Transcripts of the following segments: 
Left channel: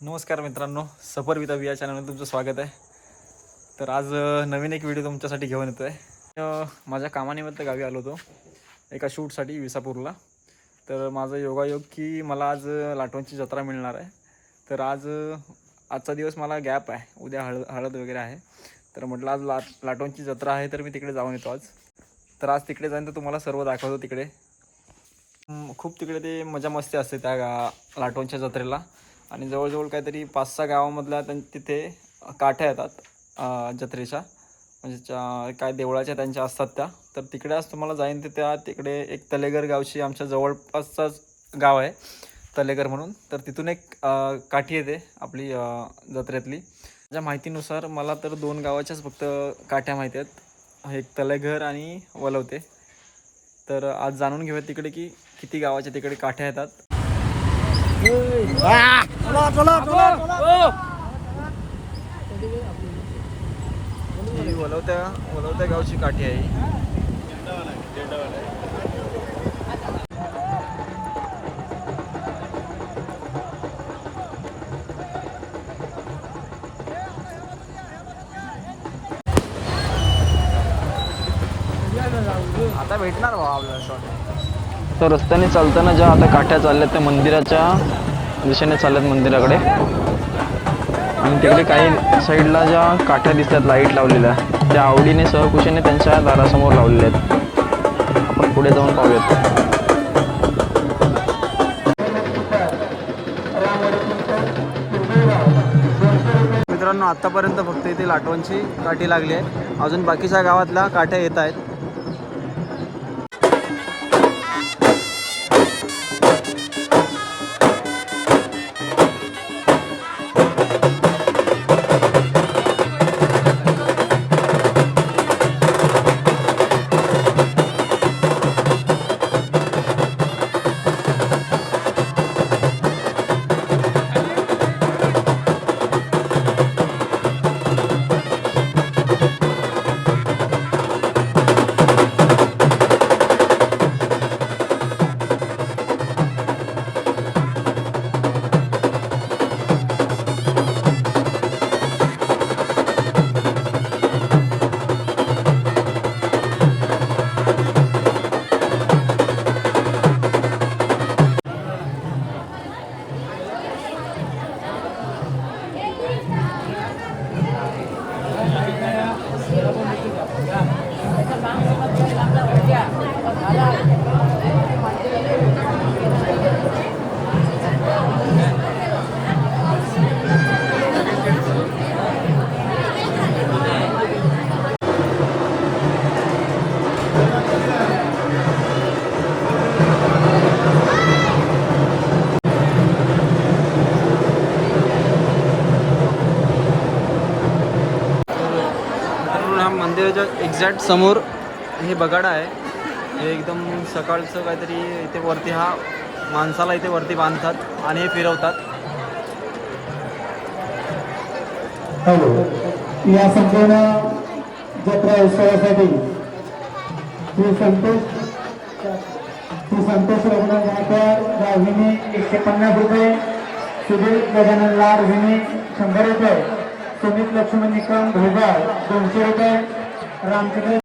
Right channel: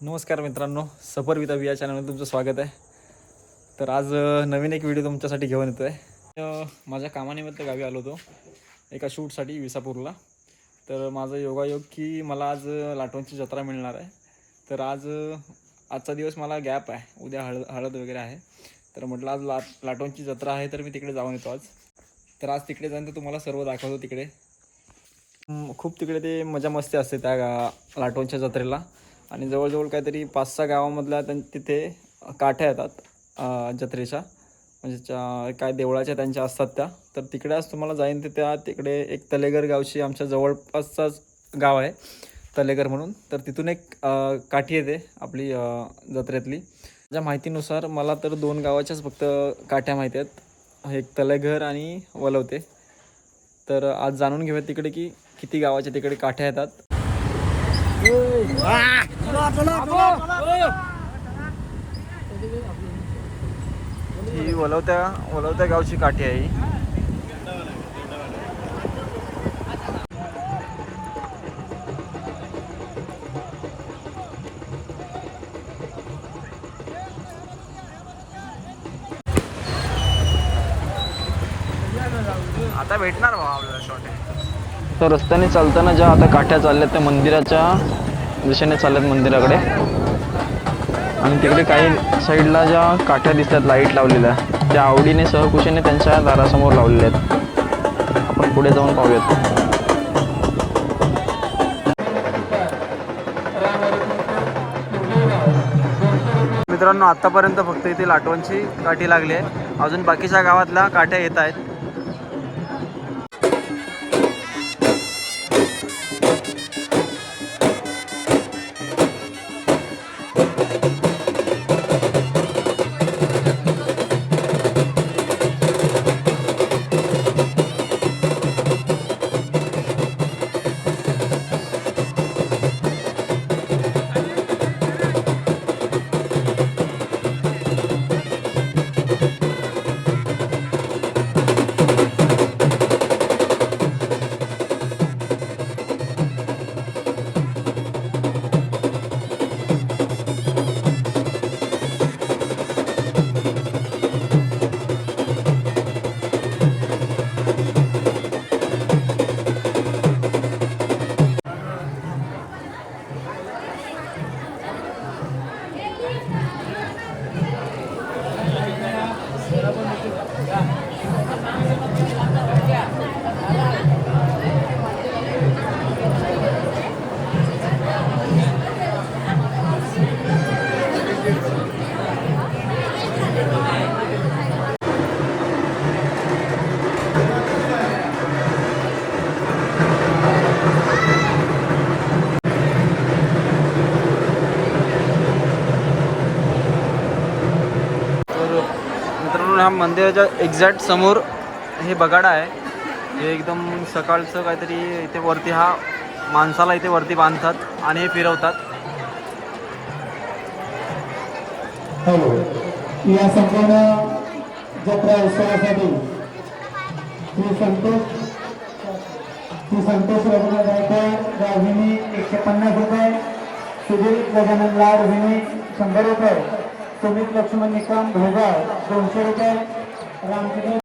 नमस्कार मित्रांनो, सफर विथ अभि या चॅनलमध्ये तुमचं स्वागत आहे. तर आज नवीन एक व्हिडिओ तुमच्यासाठी घेऊन येतो आहे. माझ्या कामानिमित्त गावी आलो होतो एका शूटसाठी विसापूरला. तर माझं योगायोग की मला आज लाटवणची जत्रा मिळणार आहे. तर आजचा दिवस मला गॅप आहे, उद्या हळद वगैरे आहे. तर म्हटलं आज लाटवणची जत्रा आहे तर मी तिकडे जाऊन येतो आज. तर आज तिकडे जाईन तर तुम्हाला सर्व दाखवतो. तिकडे खूप तिकडे ते मजा मस्ती असते त्या लाटवणच्या जत्रेला. आणि जवळजवळ काहीतरी 5-6 गावामधल्या तिथे काठ्या येतात जत्रेच्या, म्हणजे काय देवळाच्या त्यांच्या असतात त्या. तर तिकडे आज तुम्हाला जाईन ते तिकडे एक तलेगर गावची आमच्या जवळपासचाच गाव आहे तलेगर म्हणून. तर तिथून एक काठी येते आपली जत्रेतली. माझ्या माहितीनुसार मला तर 2 गावाच्याच फक्त काठ्या माहिती आहेत, एक तलेघर आणि वलवते. तर आज जाणून घेऊयात तिकडे की किती गावाच्या तिकडे काठ्या येतात. ही वलवत्या गावची काठी आहे. आता भेटणार भाऊ आपल्याला शॉर्ट. तर रस्त्याने चालताना ज्या आता काठ्या चालल्यात त्या मंदिराच्या दिशेने चालल्यात मंदिराकडे. आणि तिकडे काही साईडला ज्या काठ्या दिसतात लाईट लावलेल्या, त्या आवडीने सहकुशीने त्यांच्या दारासमोर लावलेल्या आहेत. आपण पुढे जाऊन पाहूयात. मित्रांनो, आतापर्यंत फक्त इथे लाटवणची काठी लागली आहे. अजून बाकीच्या गावातल्या काठ्या येत आहेत. ह्या मंदिराच्या एक्झॅक्ट समोर हे बगाडा आहे. हे एकदम सकाळचं काहीतरी इथे वरती हा माणसाला इथे वरती बांधतात आणि हे फिरवतात. या संपूर्ण जत्रा उत्सवासाठी श्री संतोष रघुनाथ गायकवाड हिने 150 रुपये, सुधीर गजानन लाड हिने 100 रुपये, सुमित लक्ष्मण निकम भोगाळ 200 रुपये, रामचंद्र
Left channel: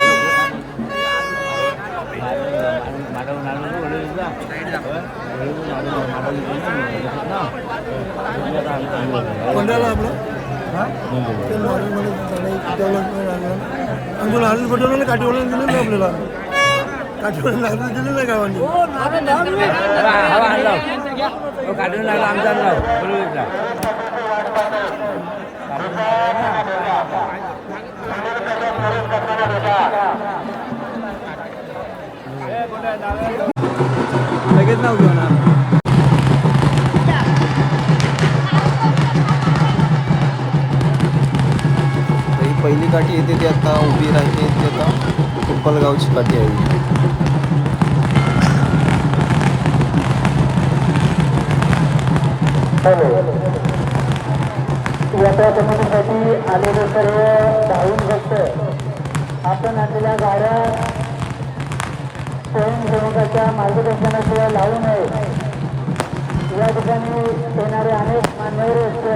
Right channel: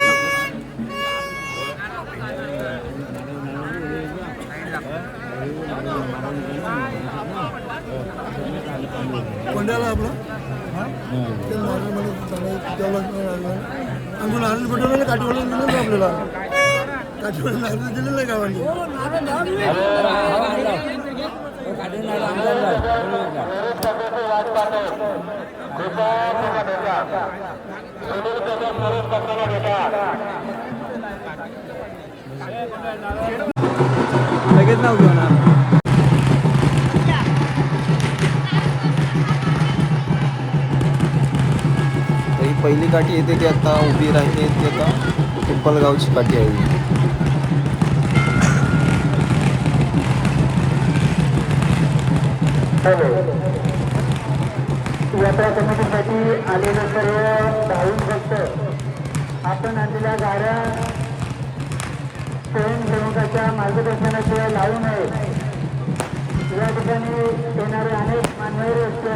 काठीवाला दिलं ना आपल्याला, काठीवाला दिलं नाही गावांनी. लगेच नाव घेऊ ना. ही पहिली काठी येते ती आता उभी राहिली, ती आता पिंपलगावची काठी आहे. यात्रा कमिटीसाठी आलेले सर्व धावून भक्त आपण आणलेल्या गाड्या स्वयंसेवकाच्या मार्गदर्शनाशिवाय लावू नये. या ठिकाणी येणारे अनेक मान्यवर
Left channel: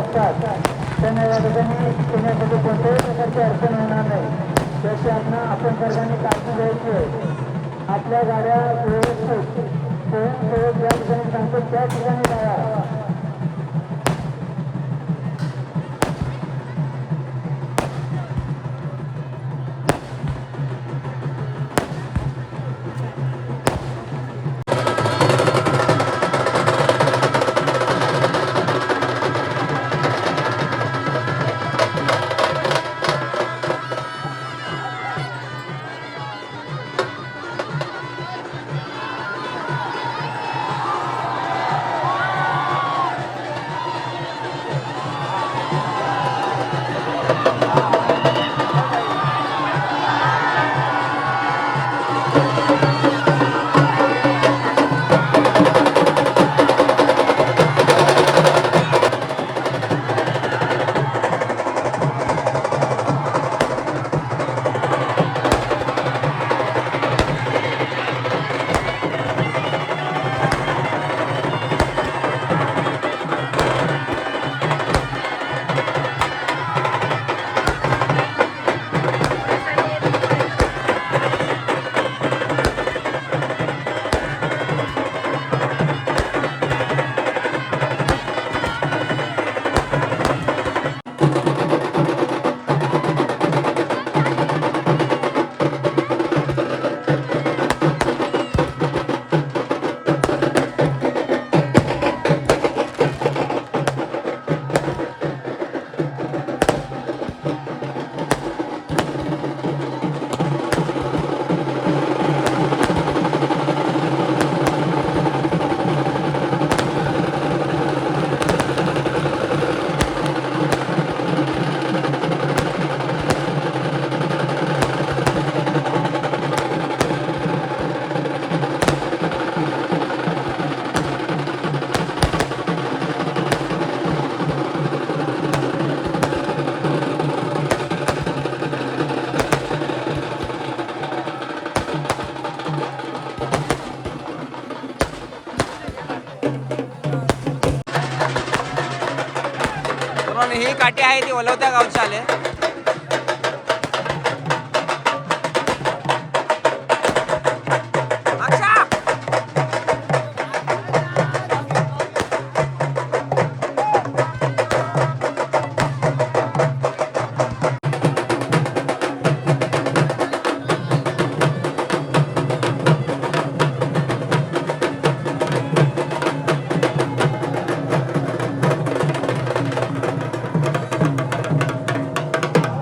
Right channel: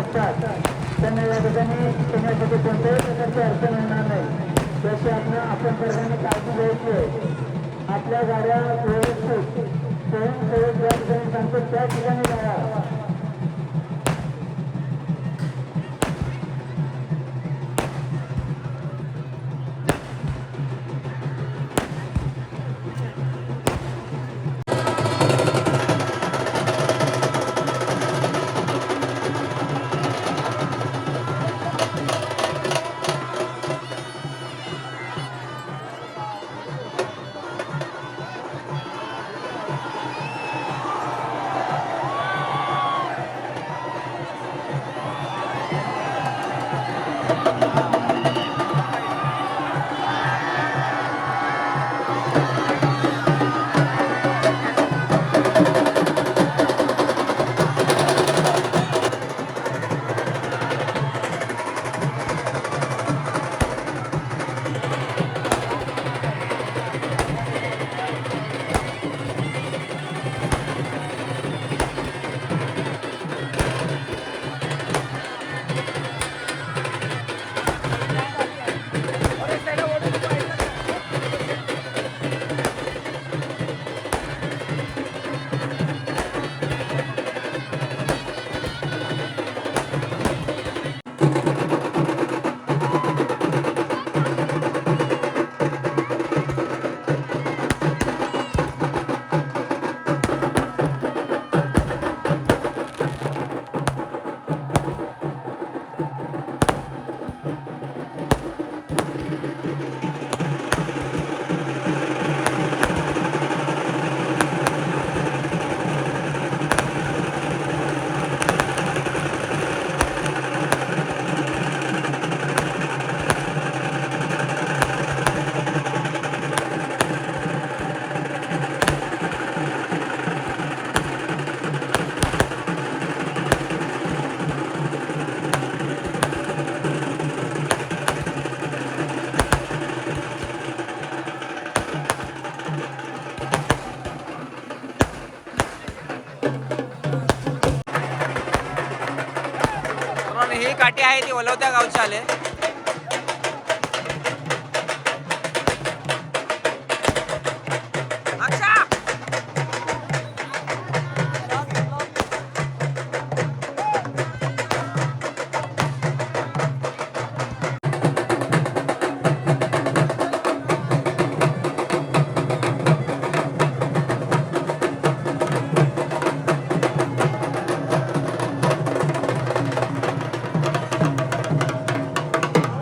मित्रांनो ही काठी आहे ती वलवत्या गावची आले.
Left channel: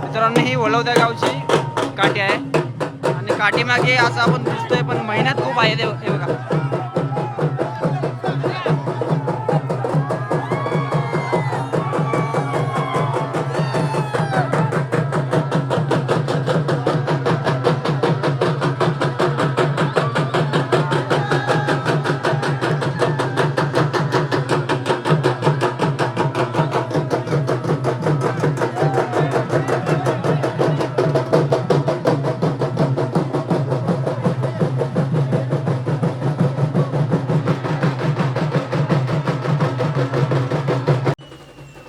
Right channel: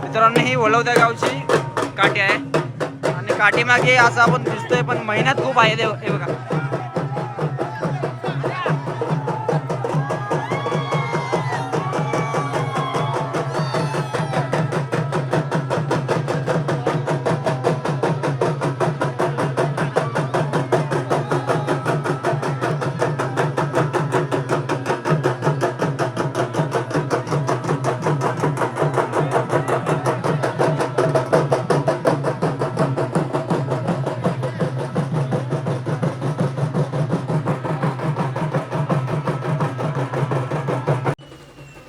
मित्रांनो ही वलवत्या गावची काठी आहे आणि काठी मागे असं आपण दिसतोय पण मेहनत खूप आहे हे बघा.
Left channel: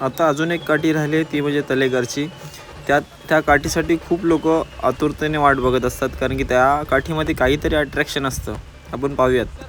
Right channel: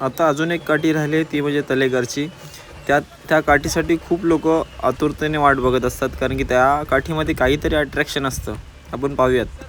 आता अजून एक काठी राहिली ती म्हणजे तलेघरची. त्या काठीसाठी खूप लोक आतुरतेने वाट बघत असतात कारण की त्या काठीमध्ये काहीतरी अट्रॅक्शन असतं. आपण पाहूयात.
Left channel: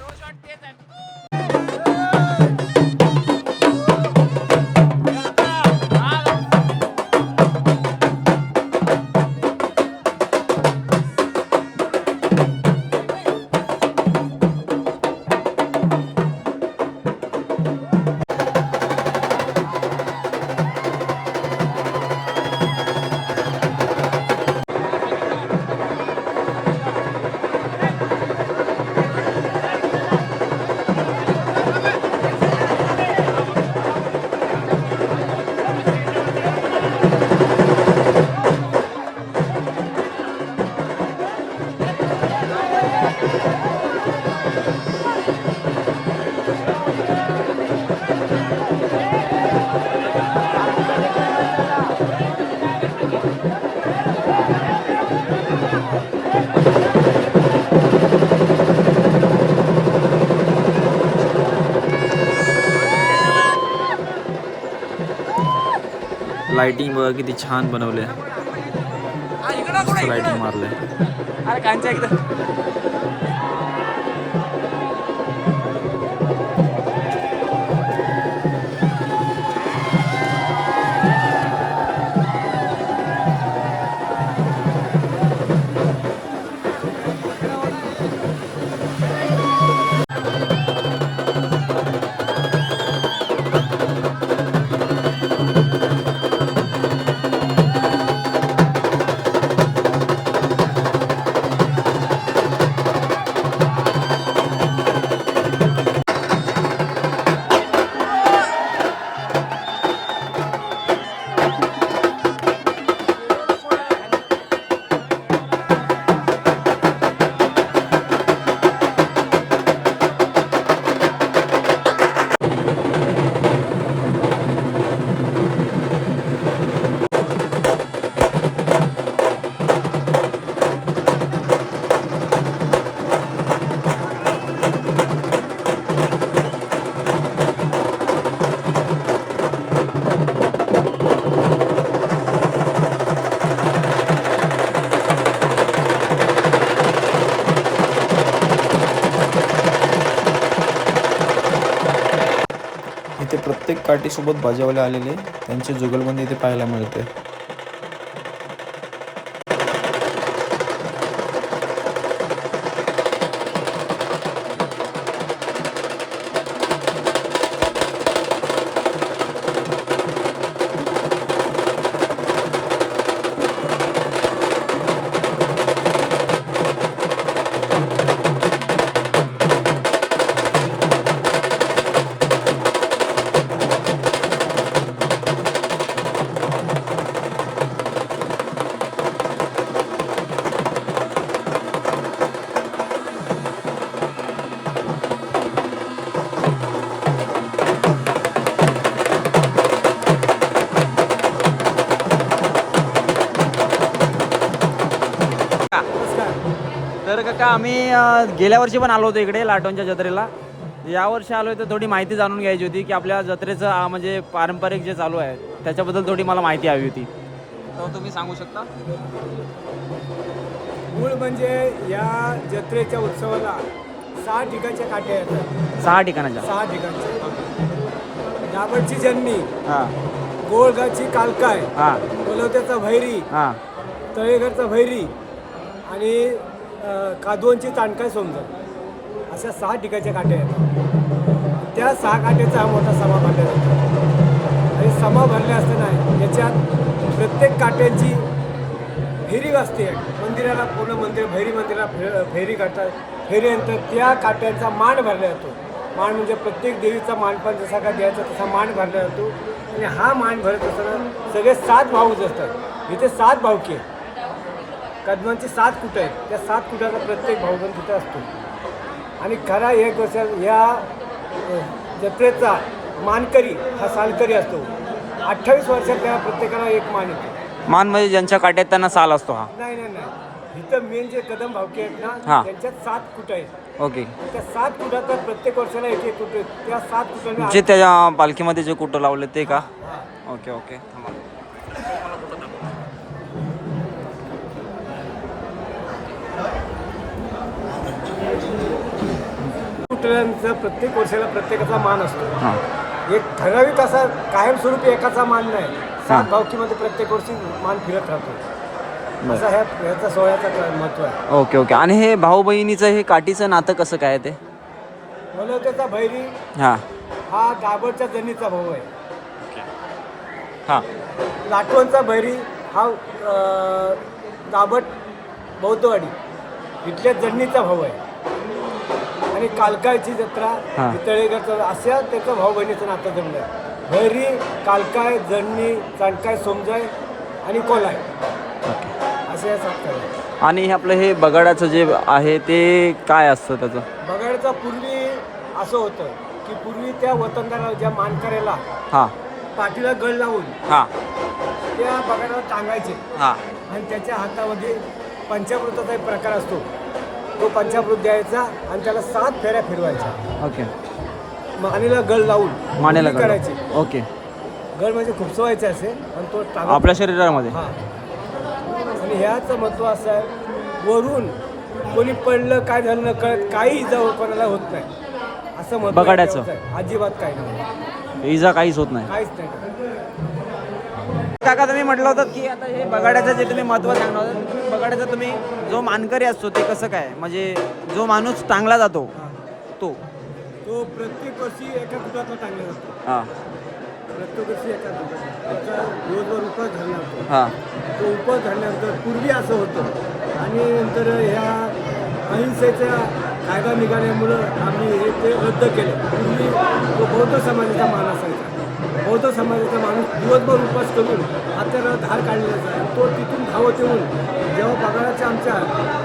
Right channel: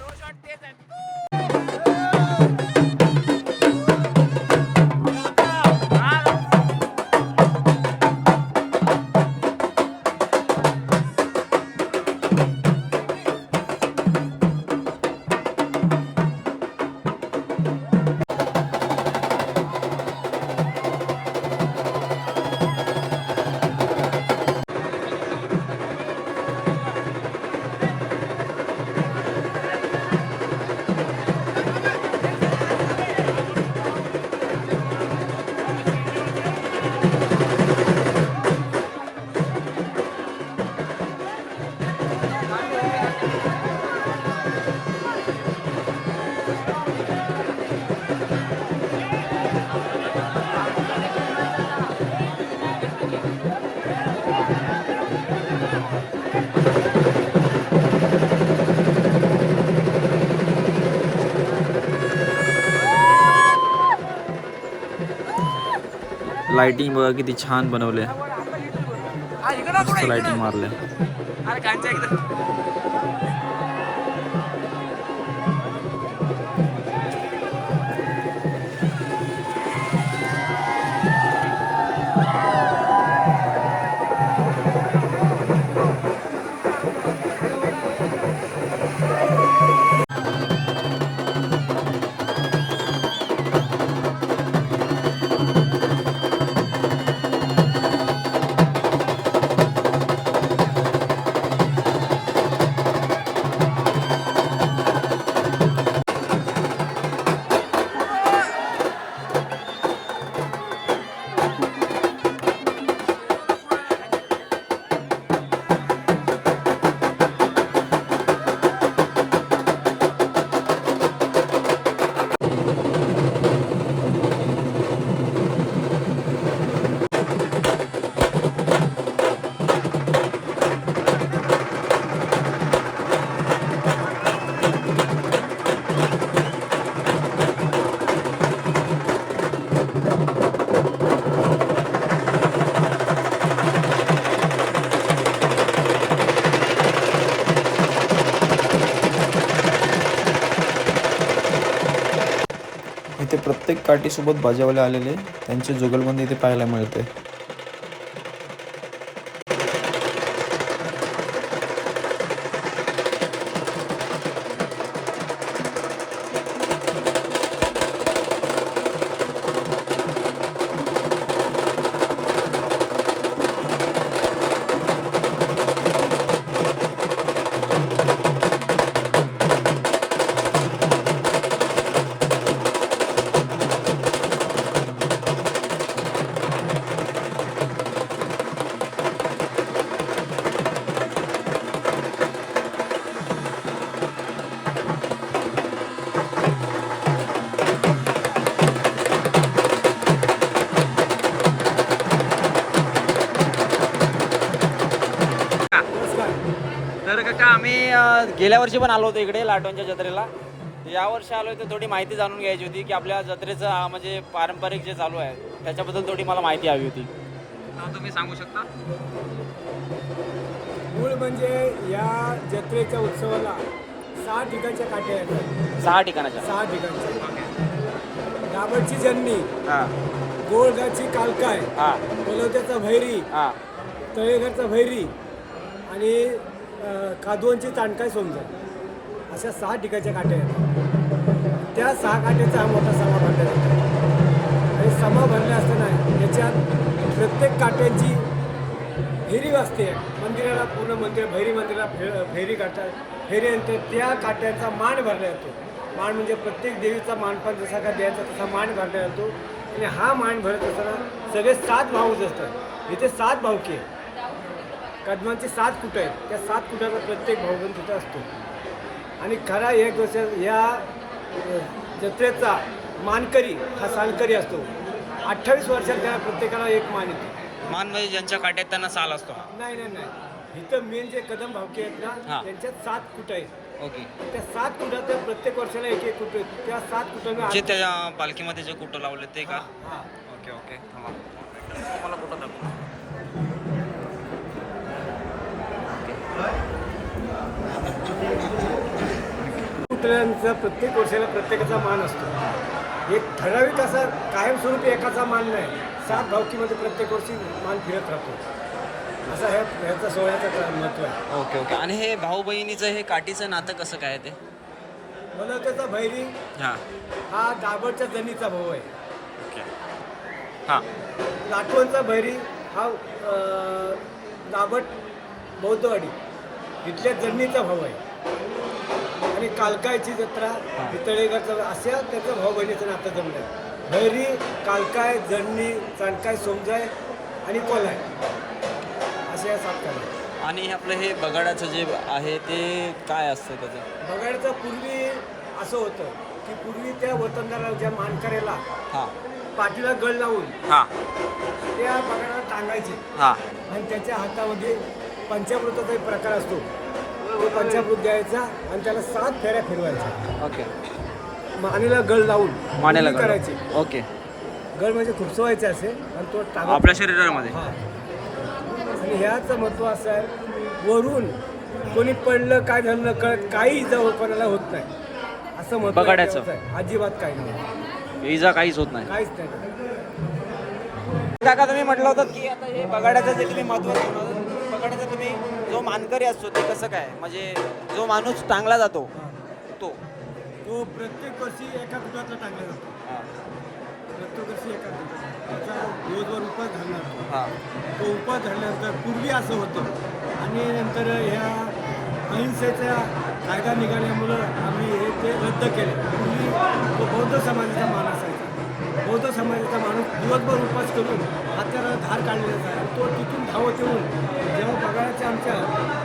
लाइटिंग बघा किती छान बनवले. लाइटिंग मारले. अरे कांच्या इकडं इथे प्रत्येक काठीसोबत बाजावाले आलेले त्यांची जुगलबंदी इथे पाहायला मिळते. तर काका आम्ही गेल्या वर्षी पण आलो होतो इकडे लाटोनच्या जत्रेला. यावर्षी आलोय तर थोडी माहिती जाणून घ्यायची होती की आपल्या जत्रेचं म्हणजे पारंपरिक जे चालू आहे त्याच्याबद्दल थोडी मला माहिती हवी होती. तर तुम्ही सांगू शकता? मूळ म्हणजे या जत्रेच्या उत्सवाला 6 ठिकाणच्या काठ्या येतात. 6 ठिकाणाचे. 6 ठिकाणच्या. दाभटची जन्नी, हां गोळगाची कालकाय, हां कोलवत्याचा भैरी, हां तळेघरचा भैरी आणि कादवनची ताणकाय सोमजर अशा 6 ठिकाणच्या काठ्या येतात. त्या 6 काठ्याचा हा मोठा समा भरला जातो आणि समा भरले असताना याच्यात प्रत्येक काठ्यांची फेरी वाजते. मंदिराला पूर्ण मंदिर भैरी मंदिराला फेरी काढतात. फेरीनंतर त्या काठ्यांचा मान भरला जातो. मान म्हणजे प्रत्येक देवीचा मानपान जसा का द्यायचा तसा मान भरला जातो आणि हा मान भरत असताना सगळे 7 भाऊच असतात. इथे 7 भाऊकी आहेत. कदमांची 7 कुटं आहेत. त्या 7 कुटाचा प्रत्येक भाऊबंद तिथे असतो आणि खरा एक गोष्ट या जत्रेचा मानकरी हा सालकरी असतो. 28 वर्षात त्या प्रत्येकाला एक मान येतो. मान म्हणजे ज्यांच्या काट्यात त्यांना साल असतो. हा नाही नाही नाही इथं मेन जे कदम भावके आहेत ना हां. त्यांच्यात 7 कुटं आहेत. ओके. त्या 7 कुटात प्रत्येक वर्षाला एक एक कुटं आहेत. त्या 7 कुटांना जे त्याच्या पालखीमध्ये जे कुठं लावले ते का? हां. ओके ओके थांबा मला कुठं दाखव. कुटऱ्यांचा प्रत्येक वर्षाला प्रत्येकाचा मान असतो. एक ठराविक असा कायमस्वरूपी एकाचा मान नाही. 7 भावकीमध्ये प्रत्येक वर्षी मान फिरत राहतो. असा ह्याचा सोहळ्याचा महत्त्व आहे. Okay okay. आणि हे भाऊ बहिणीचं हे काठीचं नातं कसं काय आहे ते? मनोत्याचा भैरी हां हा दाभटच्या जनीचा भाऊ आहे. ओके. हां लाटवणचा भैरी हा दाभट बौद्धवाडी इथल्या जन्नीचा भाऊ आहे. आणि कालकायची जत्रा हां. तळेघरचा अशा त्याचं भाऊ बहिणीचं नातं जमलं आहे. भैरी, कालकाय, जन्नी, चाणकाय, सोमजाय आणि कोलाय असे या 7 काळ. आणि हे आपलं हे बगाडाचं जे आहे ते काय असतं त्याचं? बगाडचा पूर्वी असं होतं की पूर्वी त्या वतनदाराला ज्या मानकऱ्याला हां पाठीला गळ लावून हां त्या बगाडाला टांगायचे हां आणि त्याच्या हातामध्ये पंचामृताचा एक प्रकार असतो. तो पंचामृत द्यायचा आणि त्याला 7 फेऱ्या फिरवायच्या. ओके. मानेला गळ लावून मानेला उलटी गळ. करायची. ओके. गळ म्हणजे खुपसवायचे असे आणि तो टांगा आपल्या शरीरामध्ये? हां. आणि ह्याचं महत्त्व असं आहे वरून कोणी पडलं काय झालं न कळत काही इजा कोणाला होत नाही असं महत्त्व बगाड्याचं? आहे. अजिबात काही नाही, इजा काहीच होत नाही. काहीच नाही. काका तुम्ही म्हटलं होतं की आता हे बगाड्याचं जे तुम्ही महत्त्व सांगणार बगाड्याचं तुम्ही जो मानकरी असतो ते कसं काय म्हणजे जो माणूस टांगला जातो तो तो प्रत्येक वर्षी एका कुटातला टांगला जातो. हां प्रत्येक वर्षी एका कुटातला त्याचा दिवसभर उपास धरला जातो. हां तो उपास धरल्यानंतर पूर्वी असं होतं आणि नंतर ह्या अहिंसेचा कायदा निघाल्यामुळं आम्ही हे ते रद्द केलं. पूर्वी तो बौद्ध समाजाचा मान असायचा. बौद्ध समाजाचा माणूस दिवसभर उपास करून हाताला धार काढलेला जायचा. तो तिथून धावत येऊन जेव्हा बगाडाच्या आमच्या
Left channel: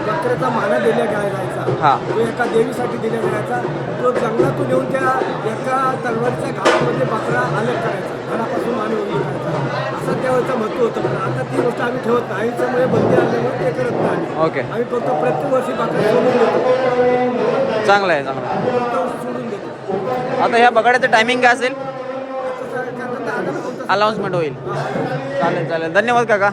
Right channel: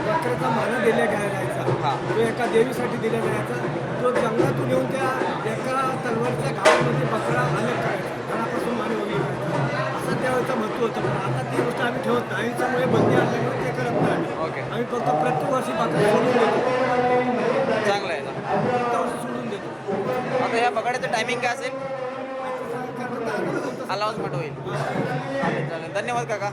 बकऱ्याचा माना दिल्या जायचा हां. तो एका देवीसाठी दिल्या जायचा. तो जंगलातून येऊन त्या एका तलवारीच्या घावामध्ये बकरा अलग करायचा, घरापासून माने ओढली करायचा असं त्यावेळेचं महत्त्व होतं. पण आता ती गोष्ट आम्ही ठेवत नाही. त्यामुळे बंदी आणल्यामुळे ते करत नाही आम्ही. ओके. आम्ही फक्त प्रत्येक वर्षी बकरा सोडून देतो. चांगलं आहे चांगलं. प्रत्येक वर्षी सोडून देतो. आता ह्या बगाड्याचं टायमिंग काय असेल? आता काय करतात, आता कोणतं- अनाऊन्समेंट होईल. चालेल चालेल धन्यवाद काका.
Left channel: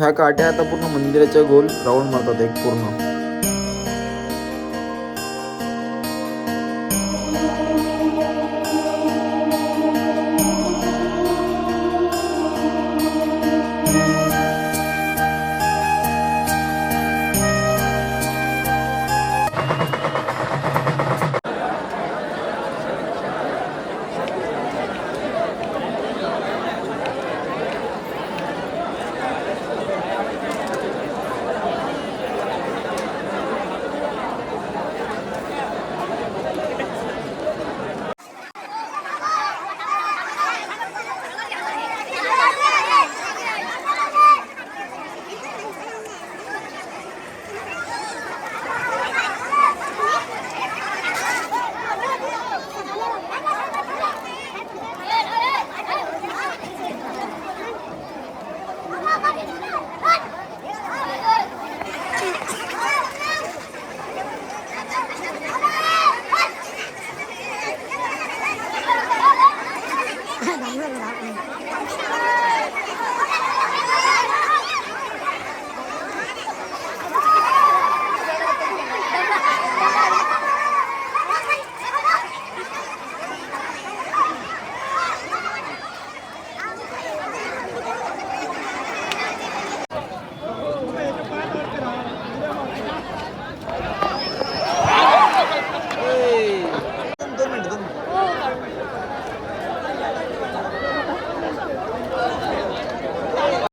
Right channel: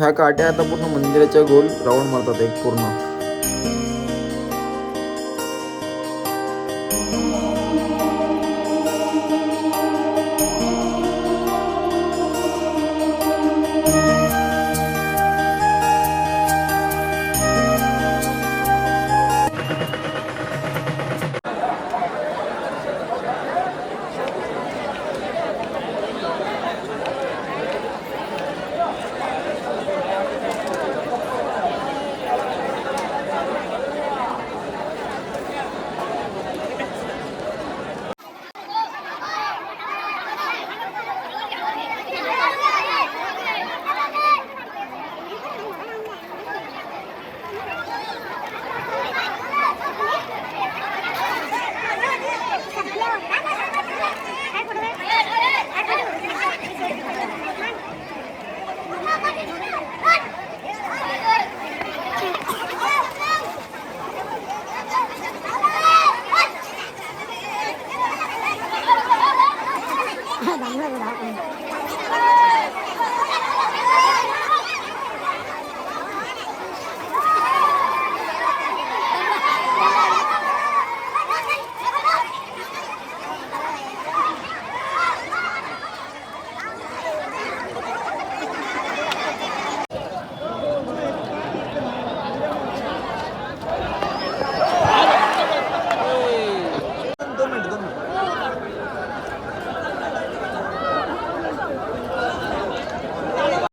ह्या काट्या आता पूर्ण मंदिराच्या गोल राऊंड मारतात एक पूर्ण.